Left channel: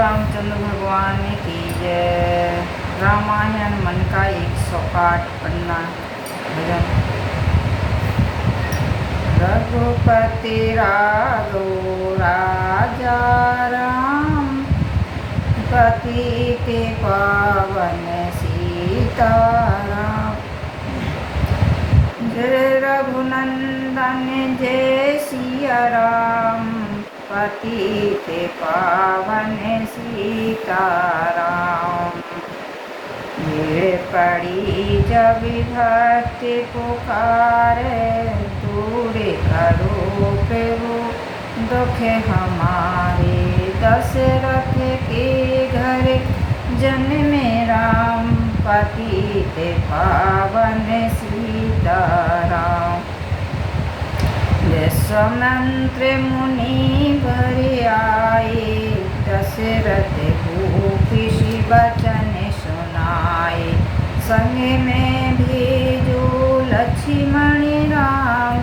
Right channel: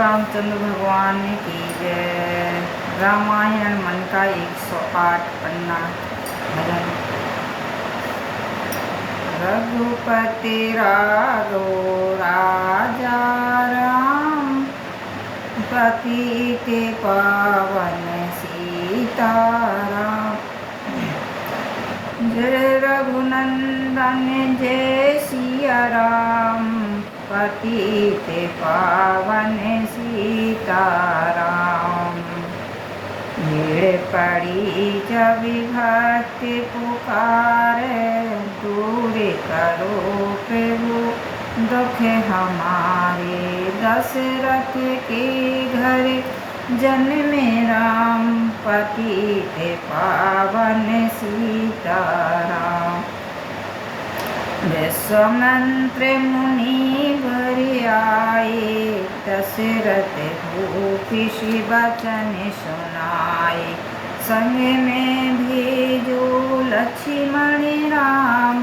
रामचंद्र भगवान की जय। रामायण मन का 108 पन्ना भजन। रघुपति राघो राजा राम, पतित पावन सीताराम। जय रघुनंदन जय सिया राम, पतित पावन सीताराम। भीड़ पड़ी जब भक्ति पुकारे, दूर करो प्रभु दुख हमारे। दशरथ के घर जन्मे राम, पतित पावन सीताराम। विश्वामित्र मुनि वर आए, दशरथ भूपि वचन सुनाए। संग में भेजो लक्ष्मण राम,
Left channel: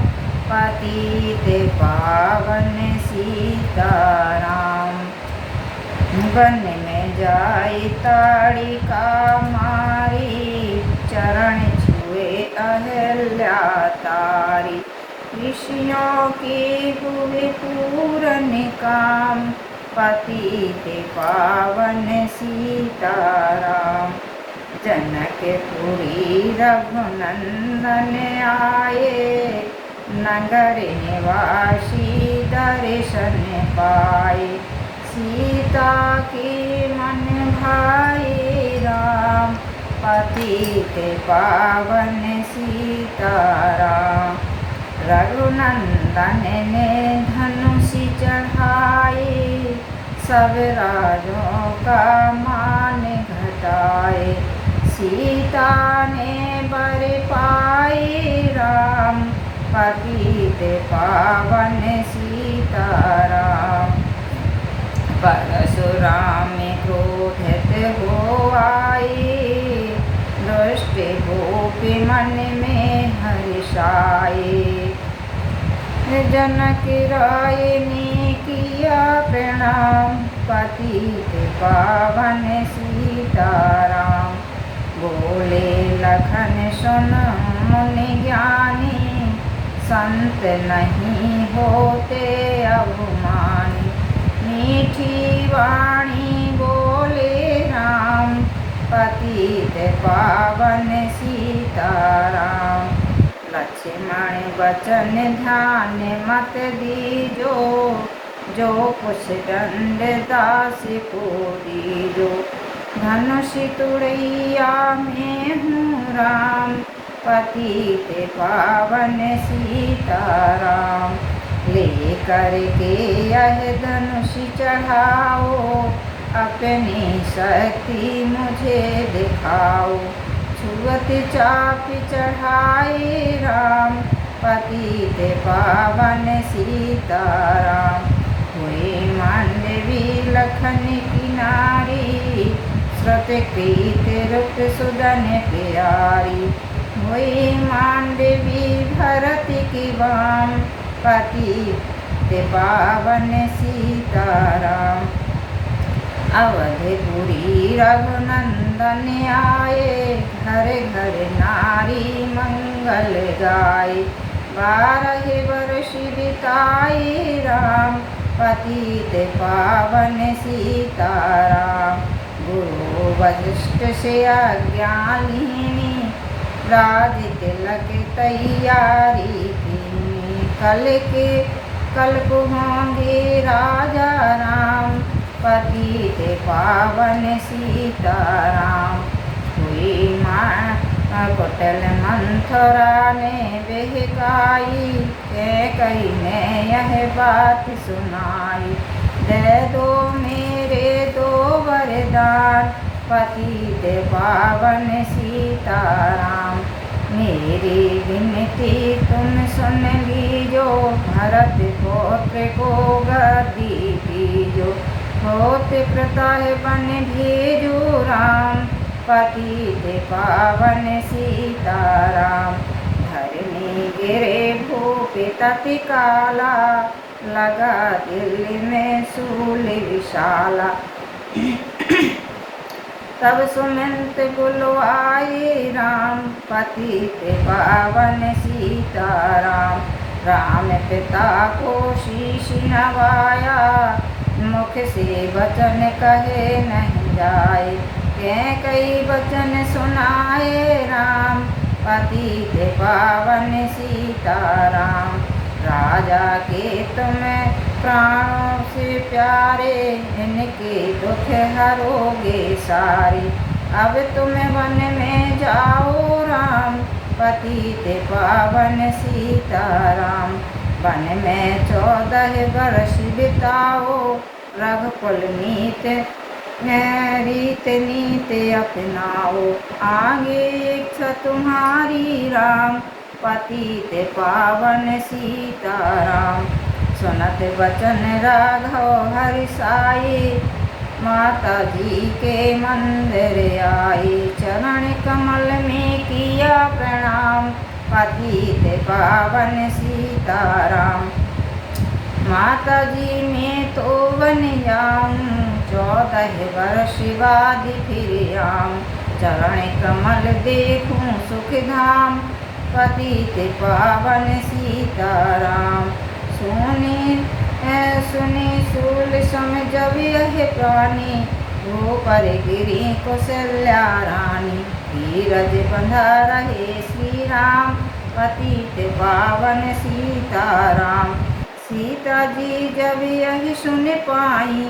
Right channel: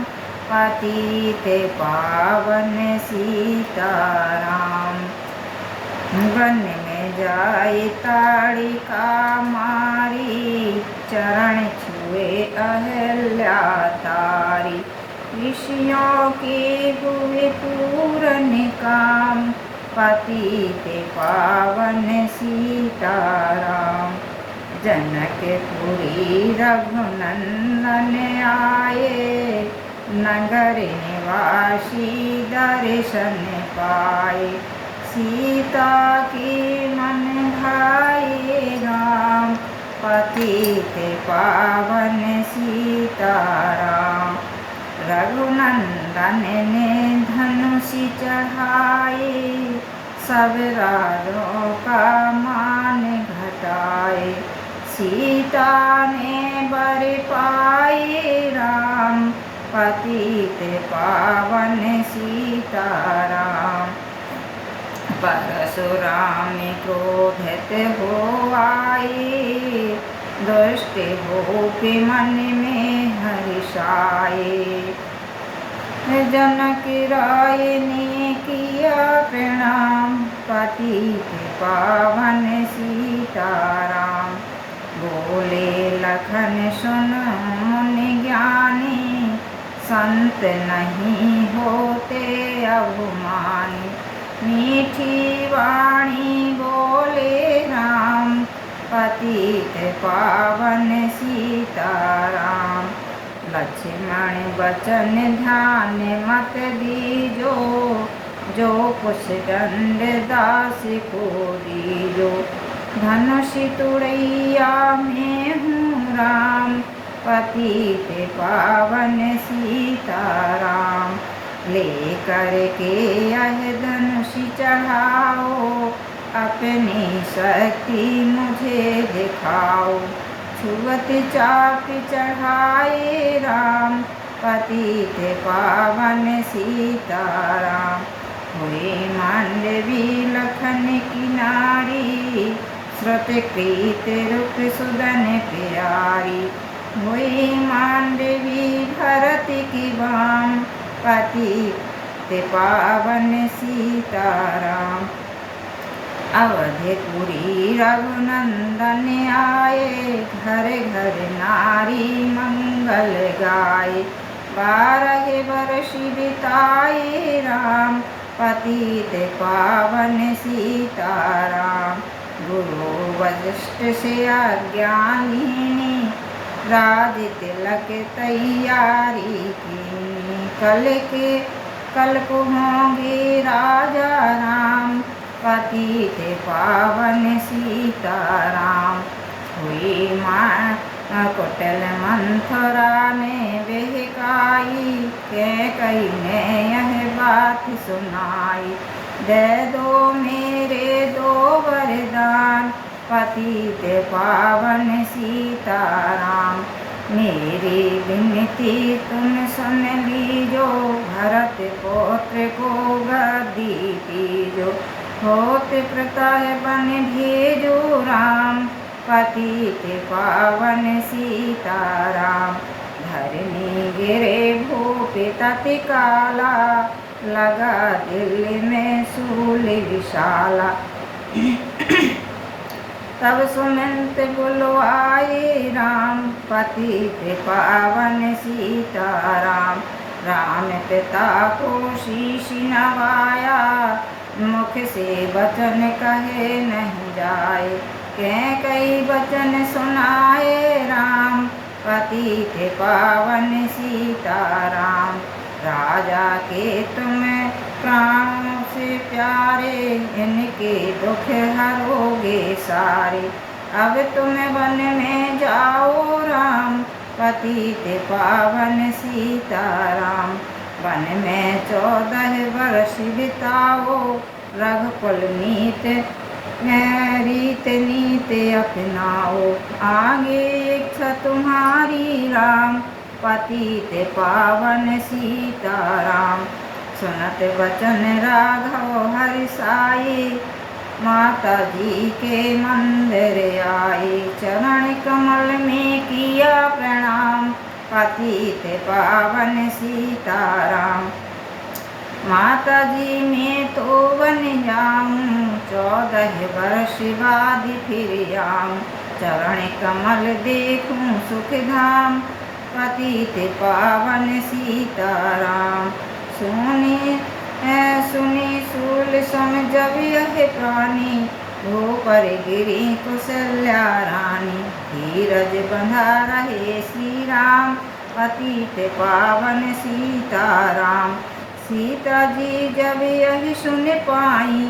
पतित पावन सीताराम। वन में जाए ताड़िका मारी, चरण छुए अहल्या तारी। ऋषियों के हुए पूरन काम, पतित पावन सीताराम। जनकपुरी रघुनंदन आए, नगर निवासी दर्शन पाए। सीता की मन भाई राम, पतित पावन सीताराम। रघुनंदन ने धनुष चढ़ाए, सब राजों का मान घटाए। सीता ने बर पाए राम, पतित पावन सीताराम। परशुराम क्रोधित हो आए, दुष्ट गोपी मन में हर्षाए। जनक राय ने किया प्रणाम, पतित पावन सीताराम। बोले लखन सुन मुनि ज्ञानी, संत नहीं होते अभिमानी। मीठी वाणी बोले राम, पतित पावन सीताराम। लक्ष्मण वचन ध्यान मत दीजो, जो कुछ दंड दास को दीजो। धनुष तुड़ैया में हूँ राम, पतित पावन सीताराम। लेकर के यह धनुष चढ़ाओ, अपनी शक्ति मुझे दिखाओ। छुअत चाप चढ़ाए राम, पतित पावन सीताराम। हुए मांडवी लखन की नारी, श्रुतकृत रूप सुदन प्यारी। हुई मांडवी भरत की बाम, पतित पावन सीताराम। अवधपुरी रघुनंदन आए, घर घर नारी मंगल गाए। 12 वर्ष बिताए राम, पतित पावन सीताराम। गुरु वशिष्ठ से आज्ञा लीनी, राज तिलक तैयारी कीनी। कल को होंगे राजा राम, पतित पावन सीताराम। हुई माँ कुटिल मंथरा ने बहकाई, कैकेयी ने यह बात सुनाई। दे दो मेरे 2 वरदान, पतित पावन सीताराम। मेरी विनती तुम सुन लीजो, भरत पौत्र को गद्दी दीजो। होत प्रताप बन भेजो राम, पतित पावन सीताराम। धरनी गिरे भूपि तत्काला, लगा दिल में शूल विशाला। तब सुमंत बुलवाए राम, पतित पावन सीताराम। राम पिता को शीश नवाया, मुख से वचन कहे नहीं जाए। कई वचन सुनाए राम, पतित पावन सीताराम। राजा के तुम प्राणों से प्यारे, इनके दुख हरोगे सारे। अब तुम वन में जाओ राम, पतित पावन सीताराम। वन में 14 वर्ष बिताओ, रघुकुल रीत नीत अपनाओ। आगे इच्छा तुम्हारी राम, पतित पावन सीताराम। सुनत वचन राघव हरिसाई, माता जी के मंदिर आए। चरण कमल में किया प्रणाम, पतित पावन सीताराम। माता जी मैं तो बन जाऊं, 14 वर्ष बाद फिर आऊं। चरण कमल देखूं सुख धाम, पतित पावन सीताराम। सुनी सूल सम जब यह प्राणी, वो पर गिरी कौशल्या रानी। धीरज बंधा रहे श्री राम, पतित पावन सीताराम। सीता जी जब यह सुन पाई,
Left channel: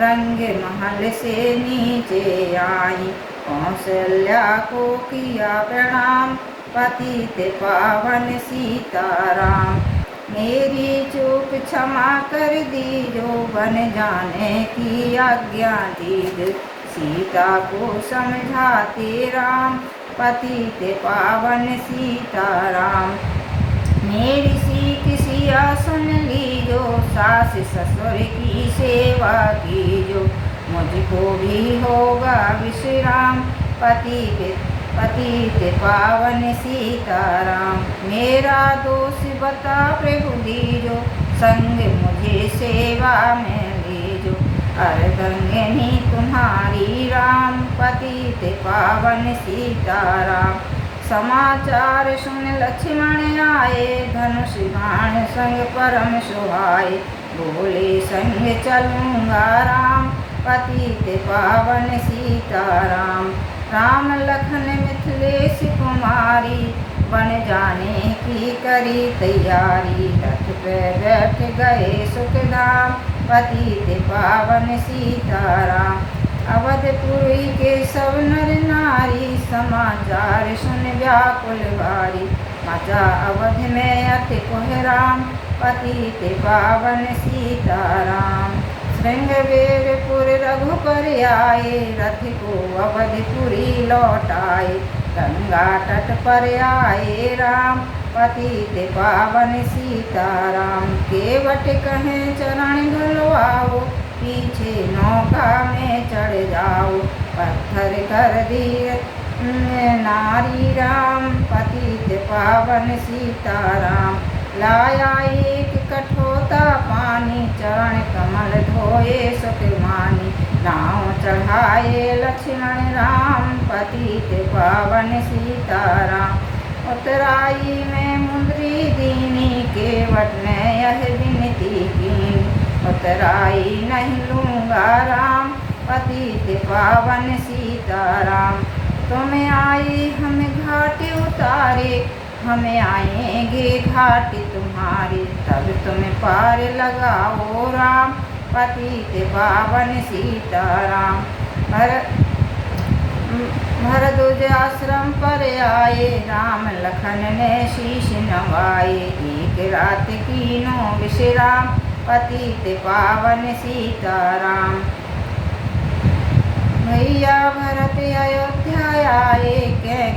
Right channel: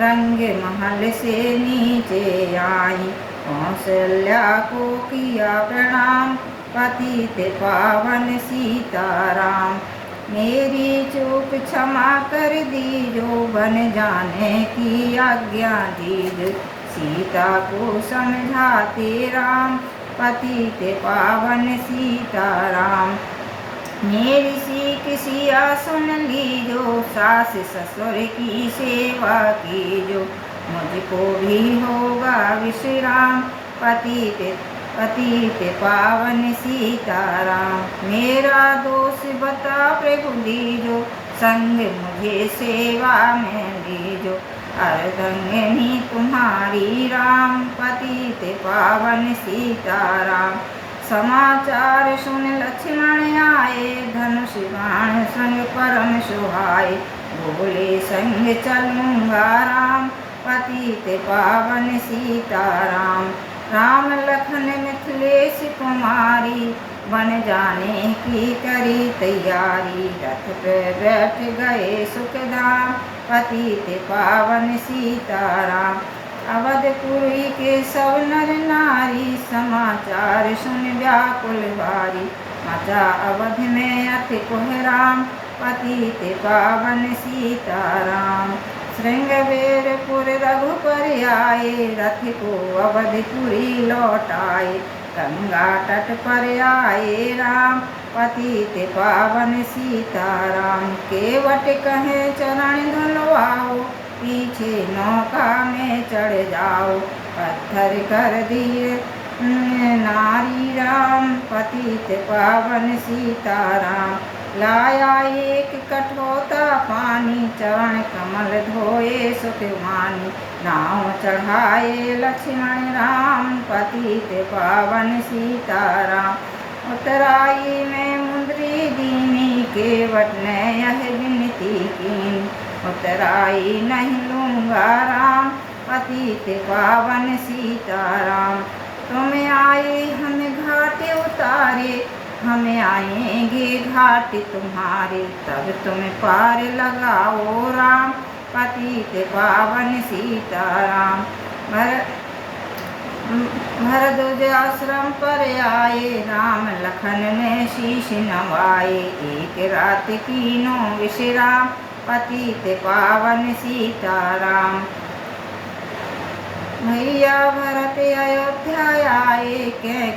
रंग महल से नीचे आई। कौशल्या को किया प्रणाम, पतित पावन सीताराम। मेरी चूक क्षमा कर दीजो, बन जाने की आज्ञा दीजो। सीता को समझाते राम, पतित पावन सीताराम। मेरी सीख सिया सुन लीजो, सास ससुर की सेवा कीजो। मुझको भी होगा विश्राम, पतित पावन सीताराम। मेरा दोष बता प्रभु दीजो, संग मुझे सेवा में लीजो। अर्धंगिनी तुम्हारी राम, पतित पावन सीताराम। समाचार सुन लक्ष्मण आए, धनुष बाण संग परम सुहाए। बोले संग चलूंगा राम, पतित पावन सीताराम। राम लखन मिथिलेश कुमारी, बन जाने की करी तैयारी। रथ पे बैठ गए सुखधाम, पतित पावन सीताराम। अवधपुरी के सब नर नारी, समाचार सुन व्याकुल भारी। मचा अवध में अति कोहराम, पतित पावन सीताराम। श्रृंगवेरपुर रघुपर आए, रथ को अवधपुरी लौटाए। गंगा तट पर आए राम, पतित पावन सीताराम। केवट कहे चरण धुलवाओ, पीछे नौका में चढ़ जाओ। पत्थर कर दिए नारी राम, पतित पावन सीताराम। लाया एक कठोता पानी, चरण कमल धोए सुख मानी। नाव चढ़ाए लक्ष्मण राम, पतित पावन सीताराम। उतराई में मुंदरी दीनी, केवट ने यह विनती कीनी। उतराई नहीं लूंगा राम, पतित पावन सीताराम। तुम आए हम घाट उतारे, हम आएंगे घाट तुम्हारे। तब तुम पार लगाओ राम, पतित पावन सीताराम। भरद्वाज आश्रम पर आए, राम लखन ने शीश नवाए। एक रात कीनो विश्राम, पतित पावन सीताराम। भैया भरत अयोध्या आए,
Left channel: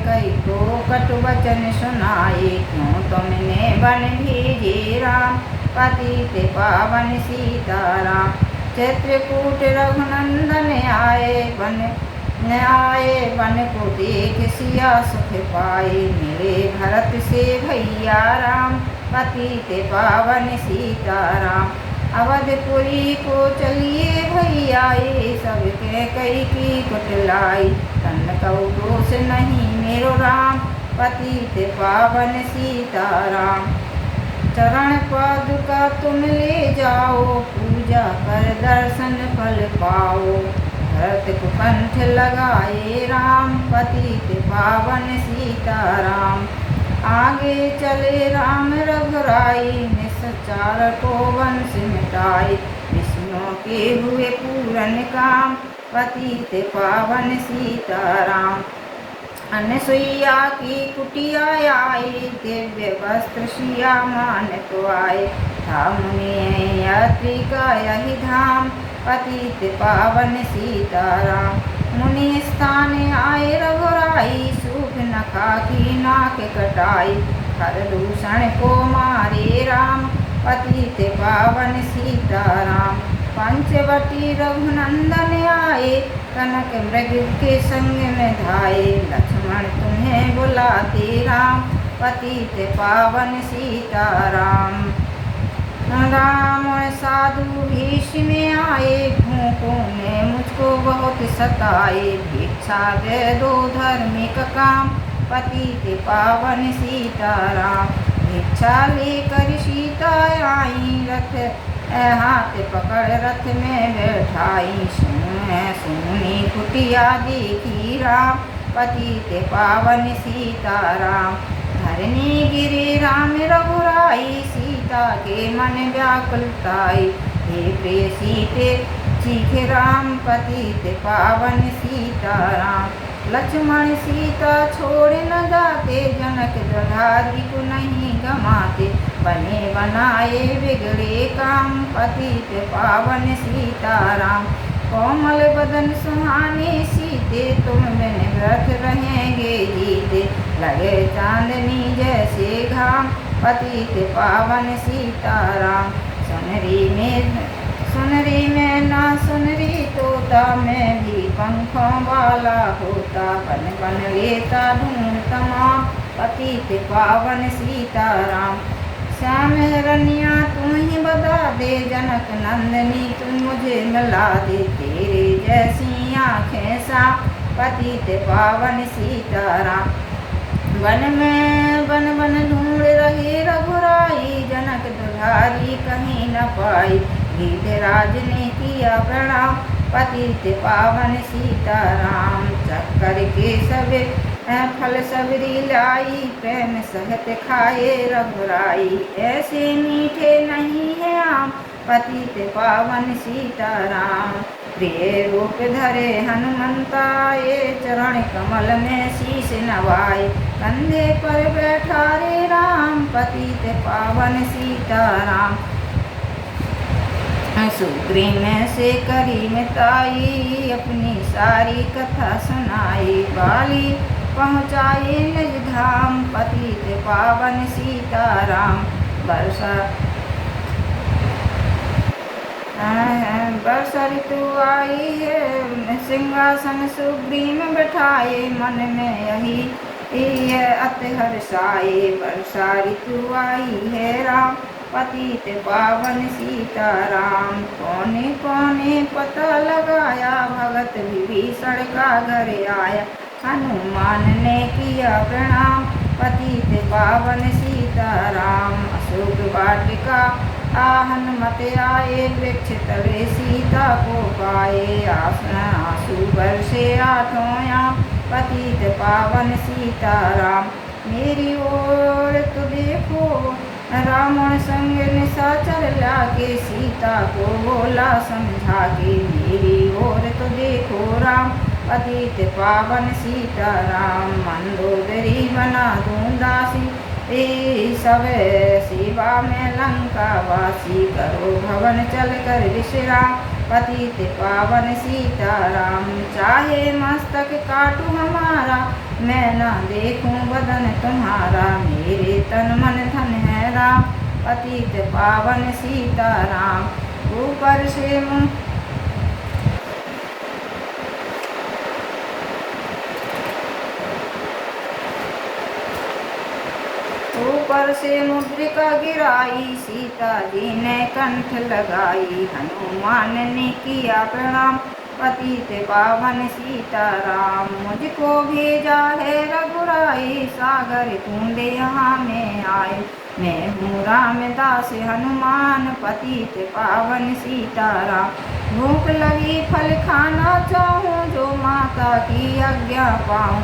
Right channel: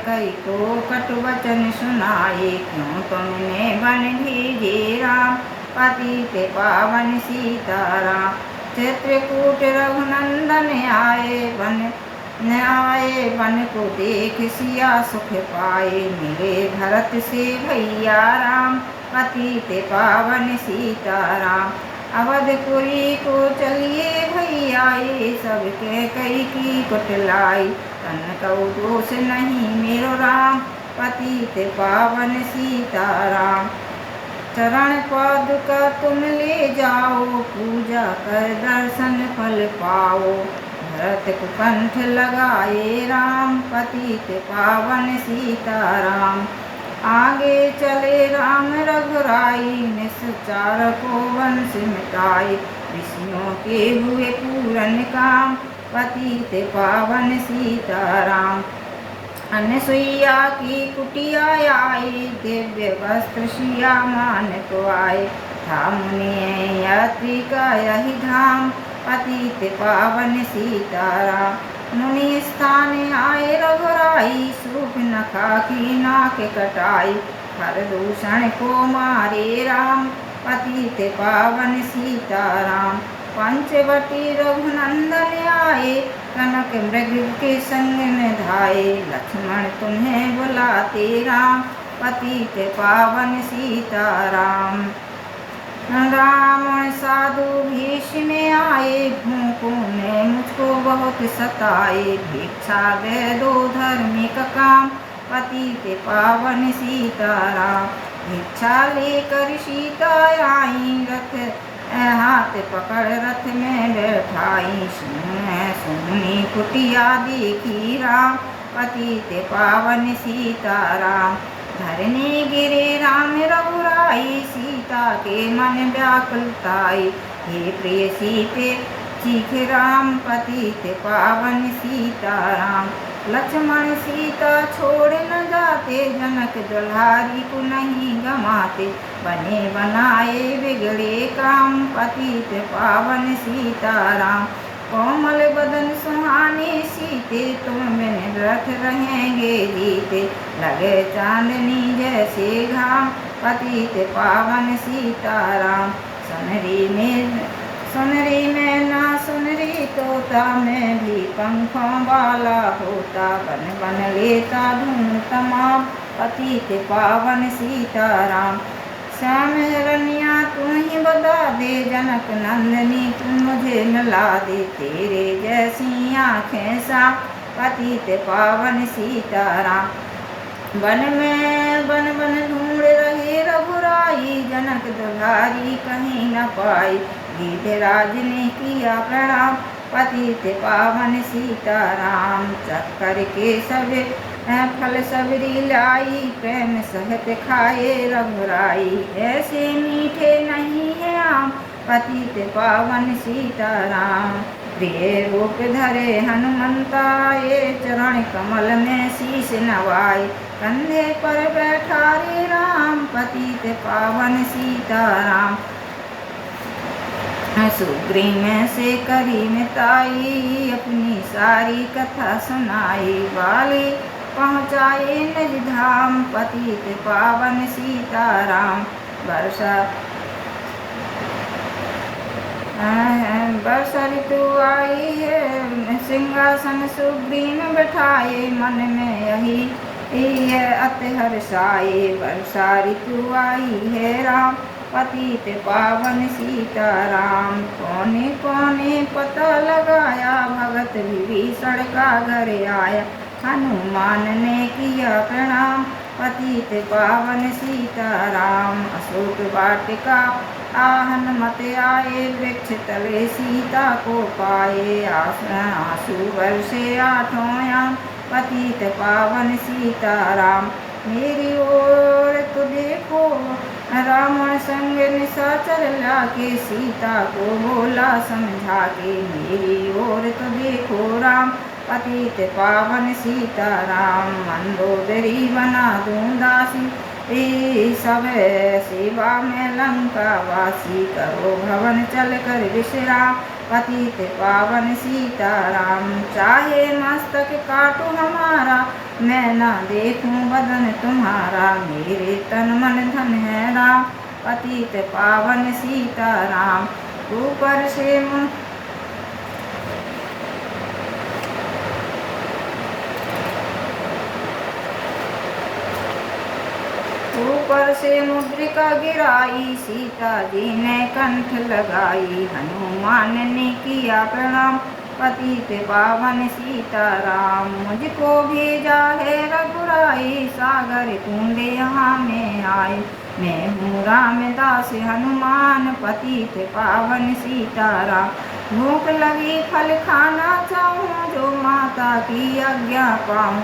कई को कटु वचन सुनाए। क्यों तुमने वन भेजे राम, पतित पावन सीताराम। चित्रकूट रघुनंदन आए, वन को देख सिया सुख पाए। मिले भरत से भैया राम, पतित पावन सीताराम। अवधपुरी को चलिए भैया, ये सब कह कई की कुटलाई। तन कऊ दोष नहीं मेरो राम, पतित पावन सीताराम। चरण पादुका तुम ले जाओ, पूजा कर दर्शन फल पाओ। भरत कुकंठ लगाए राम, पतित पावन सीताराम। आगे चले राम रघुराई, निस्चार को वंश मिटाई। ऋषियों के हुए पूरन काम, पतित पावन सीताराम। अनसुईया की कुटिया आई, दिव्य वस्त्र सिया मान को आए। था मुनि यात्री का यही धाम, पतित पावन सीताराम। मुनि स्थान आए रघुराई, सूप नखा की नाक कटाई। हर दूषण को मारे राम, पतित पावन सीताराम। पंचवटी रघुनंदन आए, कनक मृग के संग में धाये। लक्ष्मण तुम्हें बुलाते राम, पतित पावन सीताराम। रावण साधु भीष में आए, भूखों ने मुझको बहुत सताए। भिक्षा दे दो धार्मिक काम, पतित पावन सीताराम। भिक्षा लेकर सीता आई, रथ हाथ पकड़ रथ में बैठाई। सुनी कुटिया देखी राम, पतित पावन सीताराम। धरने गिरे राम रघुराई, सीता के मन व्याकुलताई। हे प्रिय सीते चीखे राम, पतित पावन सीताराम। लक्ष्मण सीता छोड़ न जाते, जनक दुल्हारी को नहीं गमाते। बने बनाए बिगड़े काम, पतित पावन सीताराम। कोमल बदन सुहाने सीते, तुम बिन व्रत रहेंगे जीते। लगे चांदनी जैसे घाम, पतित पावन सीताराम। सुनरी में ना सुनरी तोता, मैं भी पंखों वाला होता। बन बन लेता ढूंढ तमाम, पतित पावन सीताराम। श्याम रनिया तू ही बता दे, जनक नंदनी तू मुझे मिला दे। तेरे जैसी आँखें साफ, पतित पावन सीताराम। वन में बन बन ढूंढ रहे रघुराई, जनक दुल्हारी कहीं न पाई। गिरिराज ने किया प्रणाम, पतित पावन सीताराम। चक्कर के सब फल सबरी लाई, प्रेम सहित खाए रघुराई। ऐसे मीठे नहीं है आम, पतित पावन सीताराम। प्रिय रूप धरे हनुमंता, ये चरण कमल में शीश नवाए। कंधे पर बैठा रे राम, पतित पावन सीताराम। सुग्रीव से करी मिताई, अपनी सारी कथा सुनाई। बाली पहुँचाए निज धाम, पतित पावन सीताराम। वर्षा ऋतु आई है, सिंहासन सुग्रीव बैठाए। मन में यही अति हर्षाए। वर्षा ऋतु आई है राम, पतित पावन सीताराम। कोने कोने पता लगाया, भगत विभीषण का घर आया। हनुमान ने किया प्रणाम, पतित पावन सीताराम। अशोक वाटिका हनुमत आए, वृक्ष तले सीता को पाए। आंसू बरसे आठों याम, पतित पावन सीताराम। मेरी ओर तो देखो, रावण संग निशाचर लाके। सीता को बोला समझा के, मेरी ओर तो देखो राम, पतित पावन सीताराम। मंदोदरी बना दूं दासी, सब सेवा में लंका वासी। करो भवन चल कर विश्राम, पतित पावन सीताराम। चाहे मस्तक काटू हमारा, मैं न देखूं बदन तुम्हारा। मेरे तन मन धन है राम, पतित पावन सीताराम। ऊपर से ऊपर से मुद्रिका गिराई, सीता जी ने कंठ लगाई। हनुमान ने किया प्रणाम, पतित पावन सीताराम। मुझको भेजा है रघुराई, सागर तूंदे यहाँ में आए। मैं हूँ रामदास हनुमान, पतित पावन सीताराम। भूख लगी फल खाना चाहूँ, जो माता की आज्ञा पाऊँ।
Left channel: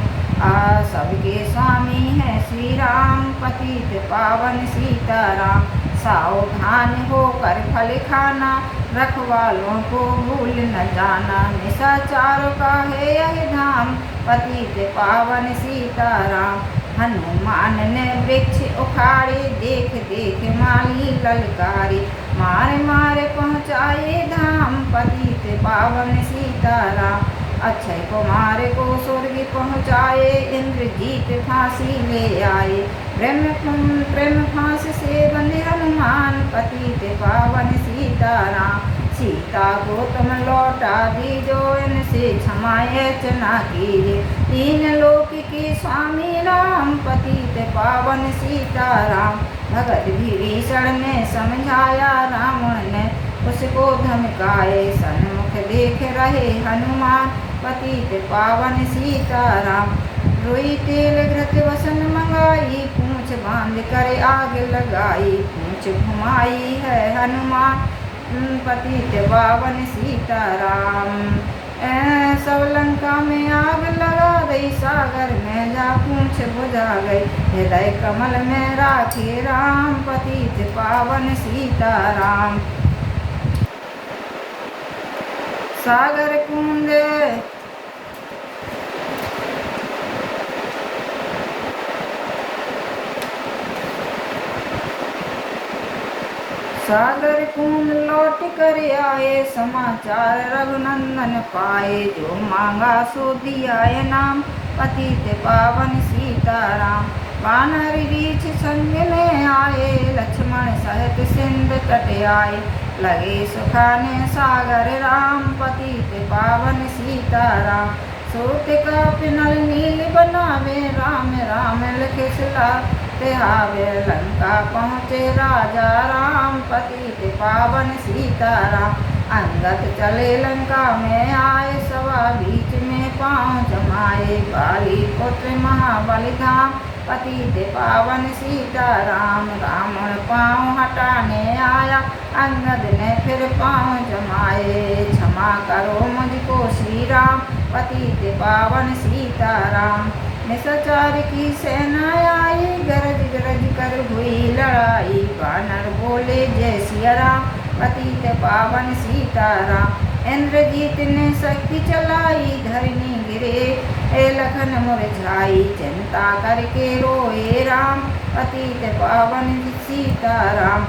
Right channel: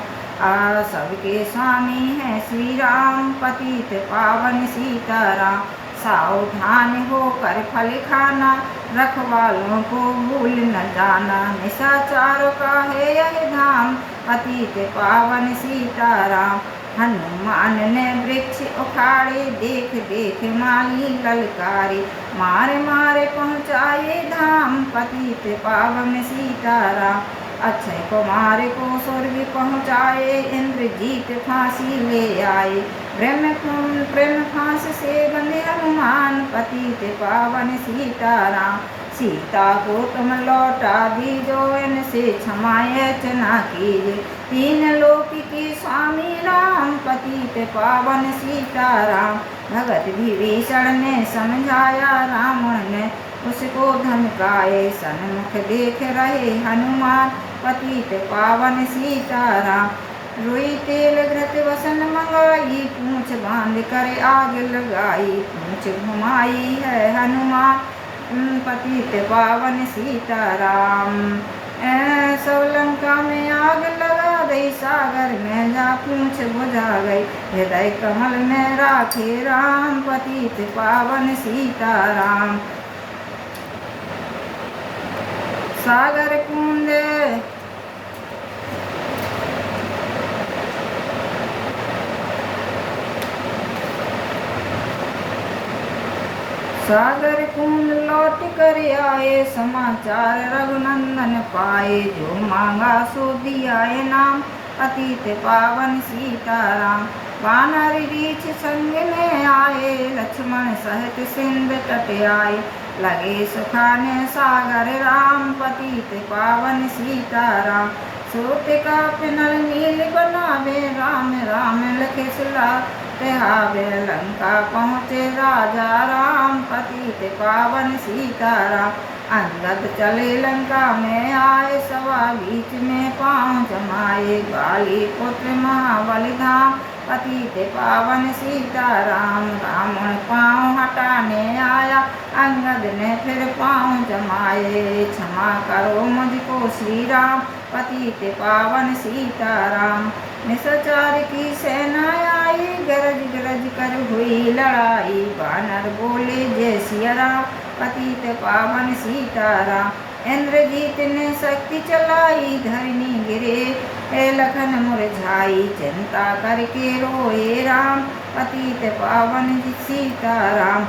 सबके स्वामी है श्री राम, पतित पावन सीताराम। सावधान होकर फल खाना, रखवालों को भूल न जाना। निशाचरों का है यह धाम, पतित पावन सीताराम। हनुमान ने वृक्ष उखाड़े, देख देख माली ललकारे। मारे मारे पहुँचाए धाम, पतित पावन सीताराम। अक्षय कुमार को स्वर्ग पहुँचाए, इंद्रजीत फांसी ले आए। प्रेम फांस से बंधे हनुमान, पतित पावन सीताराम। सीता को तुम लौटा दीजो, इनसे क्षमा याचना कीजिए। तीन लोक के स्वामी राम, पतित पावन सीताराम। भगत विभीषण ने समझाया, रावण ने उसको धमकाए। सन्मुख देख रहे हनुमान, पतित पावन सीताराम। रुई तेल घृत वसन मंगाई, पूंछ बांध कर आग लगाई। पूंछ घुमाई है हनुमान, पतित पावन सीताराम। सब लंका में आग लगा दई, सागर में जा पूंछ बुझा गई। हृदय कमल में राखे राम, पतित पावन सीताराम। सागर कुंड सागर कुंड लौट कर आए, समाचार रघुनंदन पाए। जो मांगा सो दिया नाम, पतित पावन सीताराम। वानर रीछ संग में आए, लक्ष्मण सहित सिंध तट आए। लगे सुखाने सागर राम, पतित पावन सीताराम। सोत का पिनल नील बनावे, राम राम लिखे सिलाते आवे। लंका पहुँचे राजा राम, पतित पावन सीताराम। अंगद चले लंका में आए, सवा बीच में पाँव जमाए। बाली पुत्र महाबली धाम, पतित पावन सीताराम। रावण पाँव हटाने आया, अंगद ने फिर पाँव जमाए। क्षमा करो मुझको श्री राम, पतित पावन सीताराम। निशाचर की सेना आई, गरज गरज कर हुई लड़ाई। वानर बोले जय सिया राम, पतित पावन सीताराम। इंद्रजीत ने शक्ति चलाई, धरनी गिरे लखन मुरझाई। चिंता करके रोए राम, पतित पावन सीताराम।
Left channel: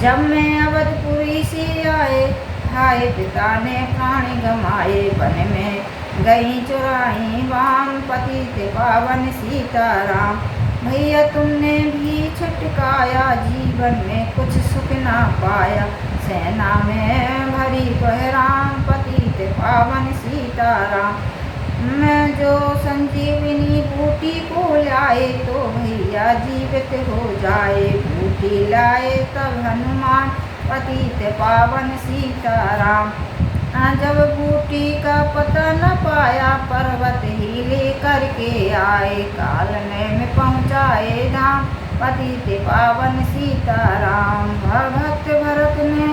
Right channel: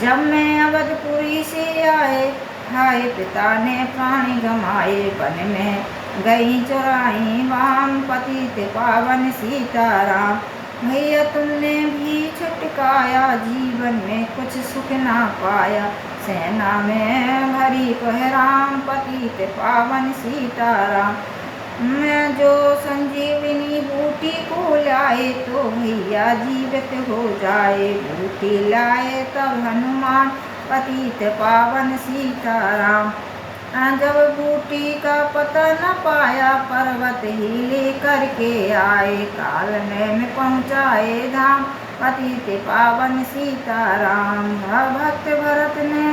जब मैं अवधपुरी से आए, हाय पिता ने प्राणी गमाए। वन में गई चुराई वाम, पतित पावन सीताराम। भैया तुमने भी छटकाया, जीवन में कुछ सुख ना पाया। सेना में भरी बहराम, पतित पावन सीताराम। मैं जो संजीवनी बूटी को लाए, तो भैया जीवित हो जाए। बूटी लाए तब हनुमान, पतित पावन सीताराम। जब बूटी का पता न पाया, पर्वत ही लेकर के आए। कालने में पहुँचाए धाम, पतित पावन सीताराम। भक्त भरत ने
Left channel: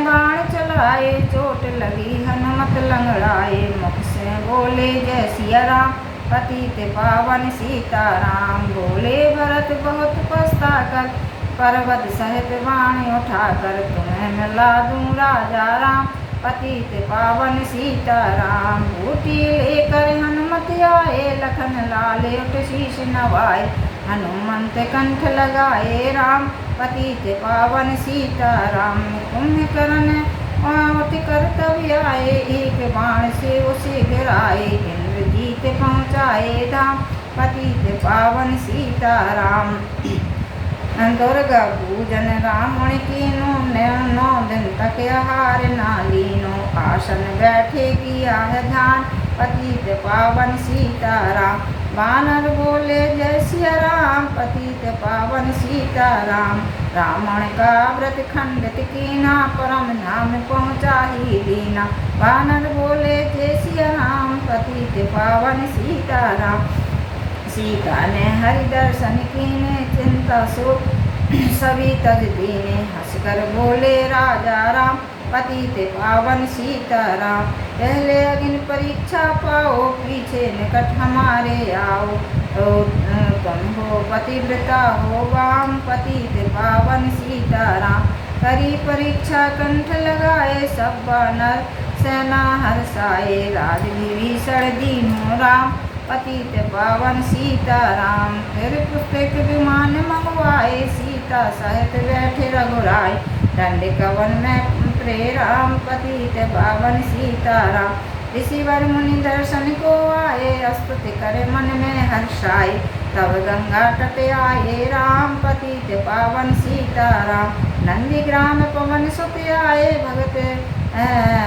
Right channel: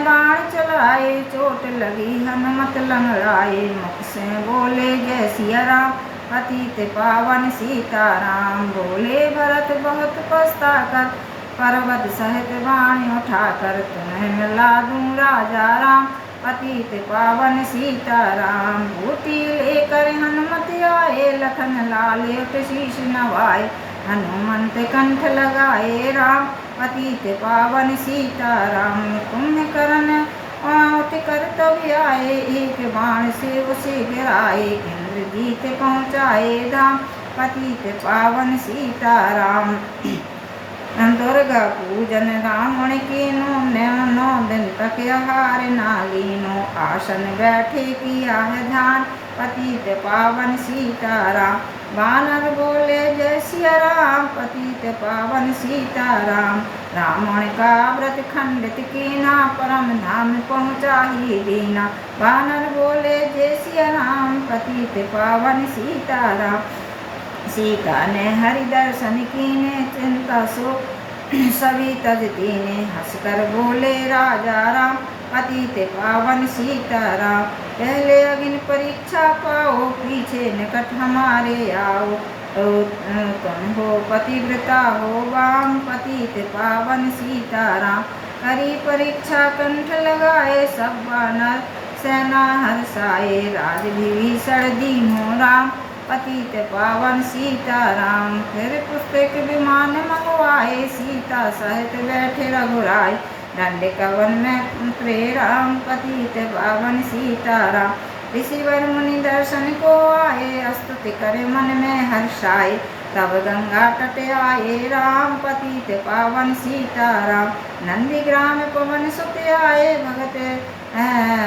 बाण चलाए, चोट लगी हनुमत लंगड़ाए। मुख से बोले जय सिया राम, पतित पावन सीताराम। बोले भरत बहुत पछता कर, पर्वत सहित बाण उठाकर। तुम्हें मिला दूं राजा राम, पतित पावन सीताराम। बूटी लेकर हनुमत आए, लखन लाल उठ शीश नवाए। हनुमंत कंठ लगाए राम, पतित पावन सीताराम। कुंभकर्ण उठ कर तब आए, एक बाण से उसे गिराए। इंद्रजीत पहुँचाए धाम, पतित पावन सीताराम। दुर्गा पूजन रावण कीनो, 9 दिन तक आहार ना लीनो। आसन बैठे किया है ध्यान, पतित पावन सीताराम। बानर बोले जय सिया राम, पतित पावन सीताराम। रावण का व्रत खंडित कीना, परम धाम पहुँचा ही दीना। बानर बोले जय सिया राम, पतित पावन सीताराम। सीता ने हरि दर्शन कीने, चिंता सो सभी तज दीने। हंसकर बोले राजा राम, पतित पावन सीताराम। पहले अग्नि परीक्षा पाओ, पीछे निकट हमारे आओ। तुम हो पतिव्रता हो वाम, पतित पावन सीताराम। करी परीक्षा कंठ लगाए, सब वानर सेना हर्षाए। राज विभीषण दीनो राम, पतित पावन सीताराम। फिर पुस्तक विमान मंगवाए, सीता सहित बैठे रघुराय। दंड कवन में उतरे राम, पतित पावन सीताराम। ऋषिवर मुनि दर्शन को आए, स्तुति करे मन में हर्षाए। तब गंगा तट आए राम, पतित पावन सीताराम। नंदीग्राम पवन सुत आए, भगत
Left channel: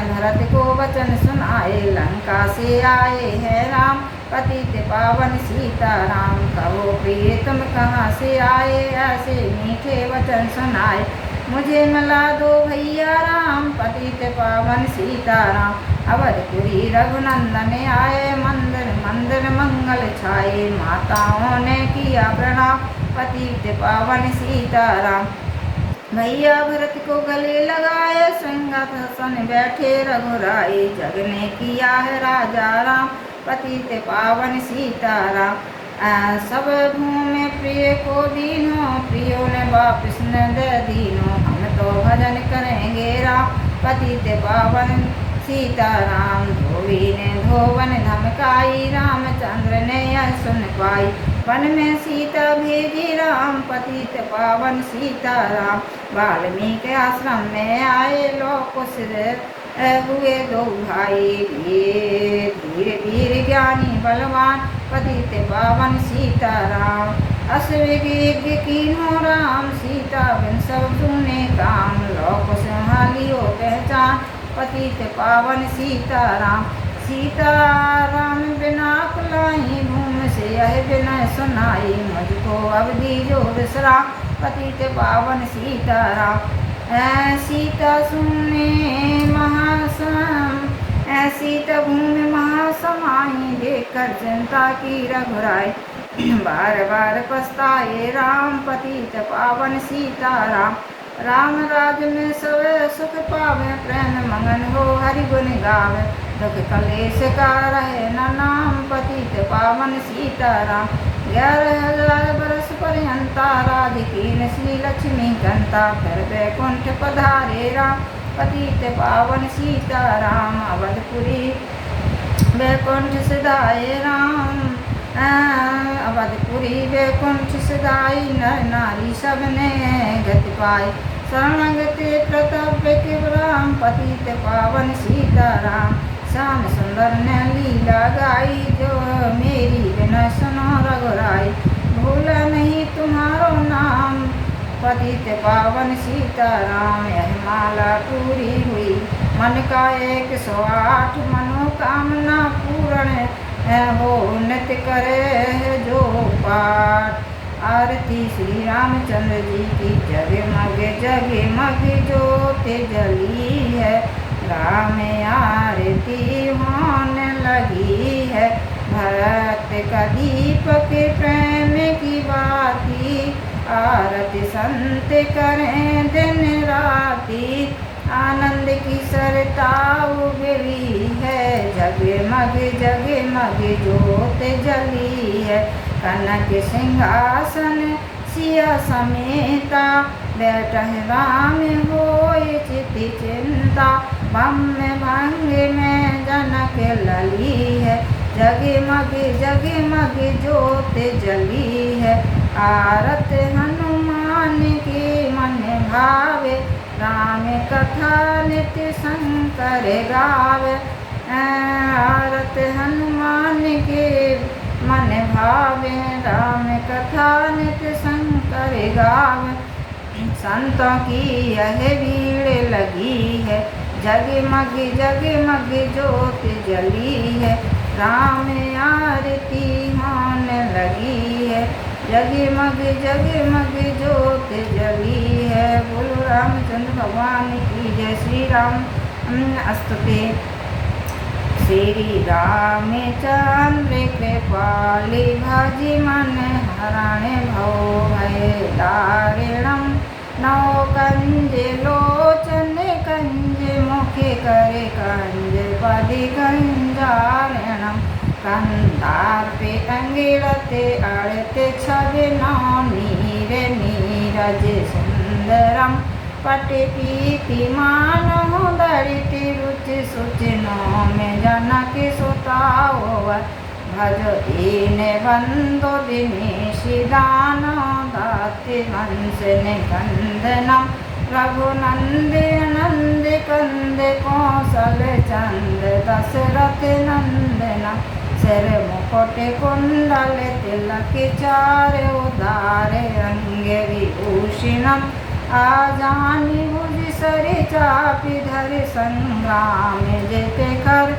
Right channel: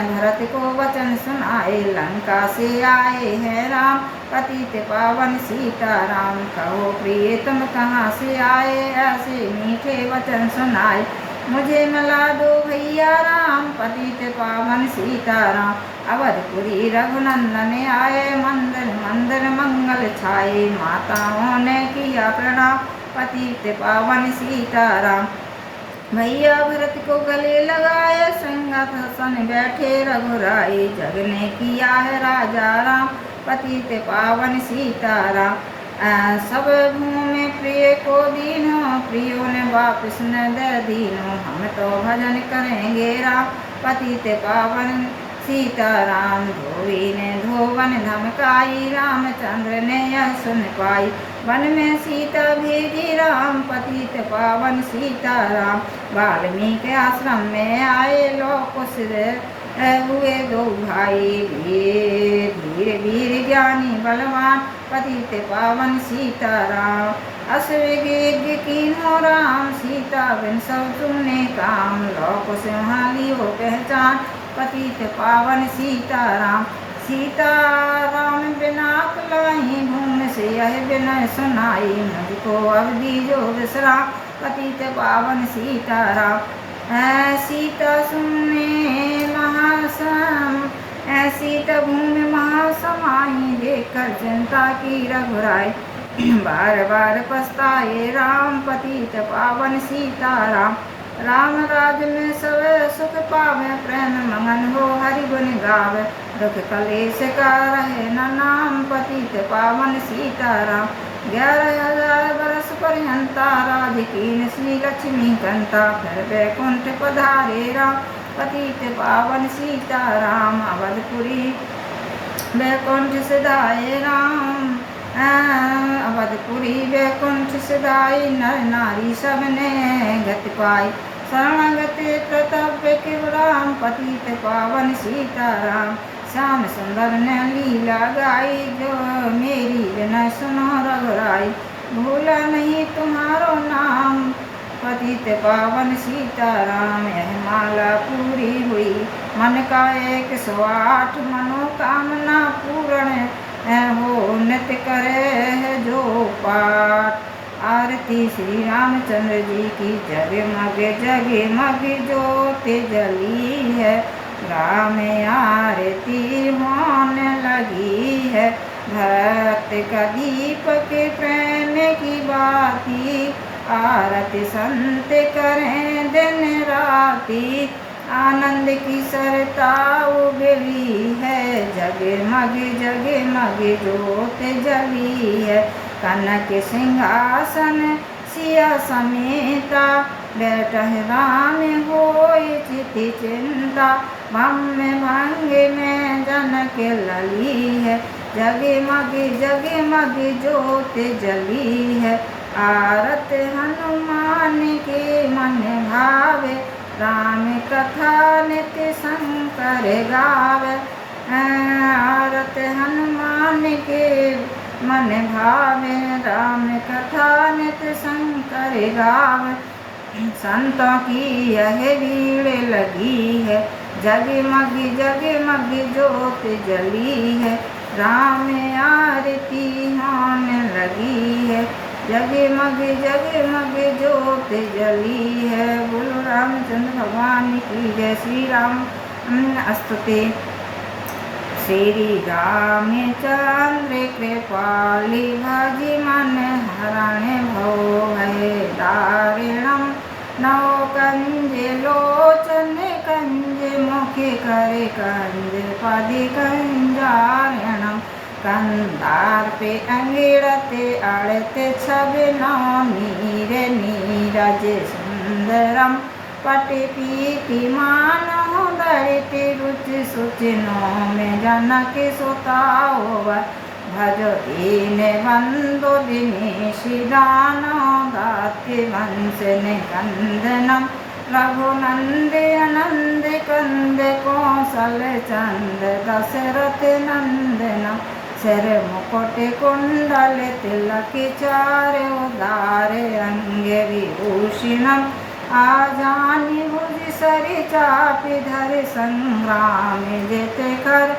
भरत को वचन सुनाए। लंका से आए हैं राम, पतित पावन सीताराम। कहो प्रिय तुम कहाँ से आए, ऐसे मीठे वचन सुनाए। मुझे मिला दो भैया राम, पतित पावन सीताराम। अवधपुरी रघुनंदन आए, मंदिर मंदिर मंगल छाए। माताओं ने किया प्रणाम, पतित पावन सीताराम। भैया भरत को गले लगाए, संगत हसन बैठे रघुराई। जग ने किया है राजा राम, पतित पावन सीताराम। सब भूमि प्रिय को दीनो, प्रियो ने वापिस न दे दीनो। हम तो भजन करेंगे राम, पतित पावन सीताराम। धोबी ने धोवन धमकाई, रामचंद्र ने यह सुन पाई। वन में सीता भेजी राम, पतित पावन सीताराम। वाल्मीकि आश्रम में आए, लोग कुछ हुए दो भाई। धीर वीर ज्ञानी बलवान, पतित पावन सीताराम। अश्वज्ञ कीन्हो राम, सीता बिन सब सुने काम। लोक सिंहालियो पहचान, पतित पावन सीताराम। सीताराम बिना कुलाई, भूमि से यह बिनय सुनाई। मुझको अब दीजो विश्राम, पतित पावन सीताराम। सीता सुने महासम, सीता भूमि महासमाई। देखकर चिंता की रघुराई, बार बार पछताए राम, पतित पावन सीताराम। राम राज में सब सुख पावे, प्रेम मगन हो हरि गुण गावे। दुख कलेश का रहे न नाम, पतित पावन सीताराम। 11,000 बरस पर्यंता, राज कीन श्री लक्ष्मी कंता। फिर बैकुंठ पधारे राम, पतित पावन सीताराम। अवधपुरी बैकुंठ सिधाए राम, अवधपुरी बैकुंठ सिधाई। नर नारी सब ने गति पाई, शरणागति प्रताप के राम, पतित पावन सीताराम। श्याम सुंदर ने लीला गाई, जो मेरी विनय सुनो रघुराई। भूला नहीं तुम्हारो नाम, पतित पावन सीताराम। यह माला पूरी हुई, मन का 108 मनोकामना पूर्ण हो। नित्य करे जो पाठ, आरती श्री रामचंद्र जी की। जगमग जगमग ज्योत जली है, राम आरती होने लगी है। भक्त का दीपक प्रेम की बाती, आरती संत करें दिन राती। आनंद की सरता उगली है, जगमग जगमग ज्योत जली है। कनक सिंहासन सिया समेता, बैठह राम होय चिति चिंता। भम्य भंग में जनक लली है, जगमग जगमग ज्योत जली है। आरत हनुमान के मन भावे, राम कथा नित्य शंकर गावे। आरत हनुमान के मन भावे, राम कथा नित्य शंकर गावे। संतों की यह भीड़ लगी है, जगमग जगमग ज्योत जली है। राम आरती होने लगी है, जगमग जगमग ज्योत जली है। बोलो रामचंद्र भगवान की जय। श्री राम स्तुते। श्री रामचंद्र कृपाली भजि मन हरण भव भय दारिणम। नौ कंज लोचन कंज मुखे करे कंज पदि कंजारिणम। कंधार पे अंगिड़ते अड़ते छवि नौ नीर नीरज सुंदरम। पटि पीति मानो दरिति रुचि सुचि नो में जनक सुताओ। भज दीन बंधु दिनेश दानो दाति वंश निकंदनम। रघुनंद नंद कंद कौशल चंद दशरथ नंदनम। सिर मुकुट कुंडल तिलक चार उदार अंग विभूषणम। आजानि भुज सरि चापि धरि संग्राम जिते कर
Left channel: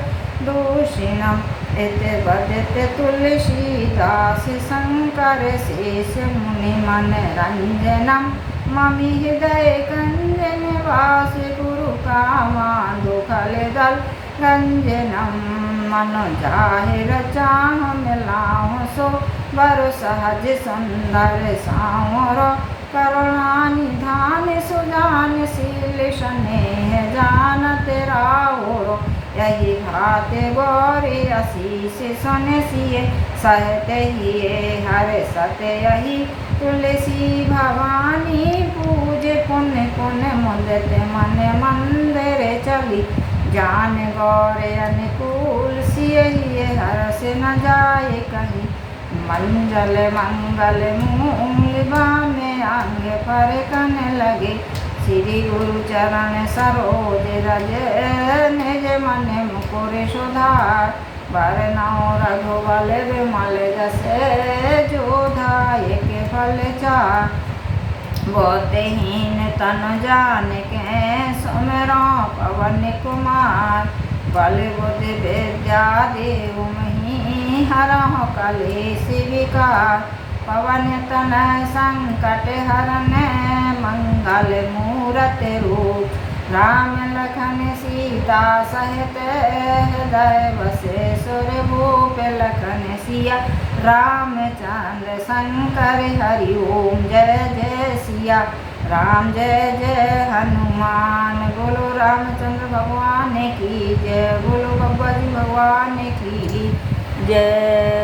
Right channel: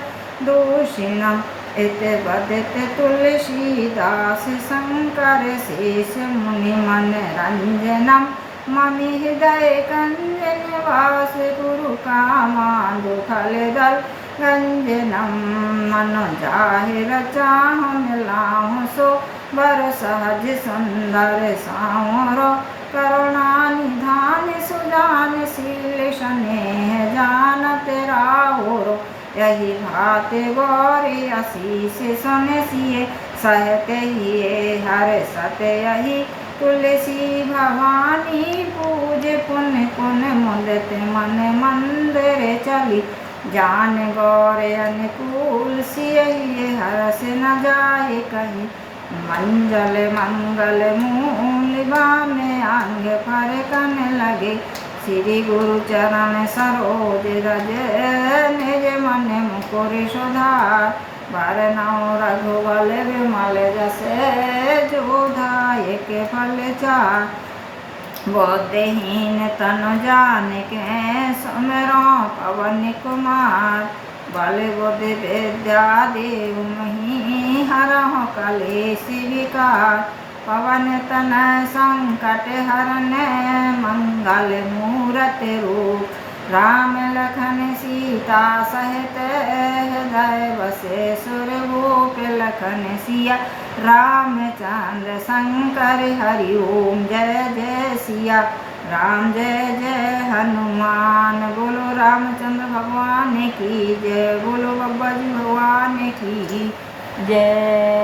दूषणम। इत बदित तुलसीदास शंकर शेष मुनि मन रंजनम। ममि हृदय कंज निवास गुरु कामांधु खल दल गंजनम। मनो जाहिर चाहु मिलाहु सो बर सहज सुंदर सामरो। करुणा निधान सुजान शील स्नेह जानत राहुरो। यही भात गौरी आशीष सुन सिए सहत हिये हर सत यही। तुलसी भवानी पूज पुन पुन मुदित मन मंदिर चली। जान गौर अनुकूल सियहि हरस न जाय कहीं। मंजल मंगल मूल में अंग पर कन लगे। श्री गुरु चरण सरोज रज निज मन मुकुर सुधार। बरनउँ रघुबल विमल जसे जोधाय के फल चार। बुद्धिहीन तनु जानिके सुमिरौ पवन कुमार। बल बुद्धि विद्या देहु महि हरहु कलेश विकार। पवन तनय संकट हरन मंगल मूरत रूप। राम लखन सीता सहित हृदय बसे सुरभूप। लखन सिया रामचंद्र शंकर हरि ओम जय जय सिया राम जय जय हनुमान। बोलो रामचंद्र भगवान की जय। बोलो बब्बा जी भगवान की जय।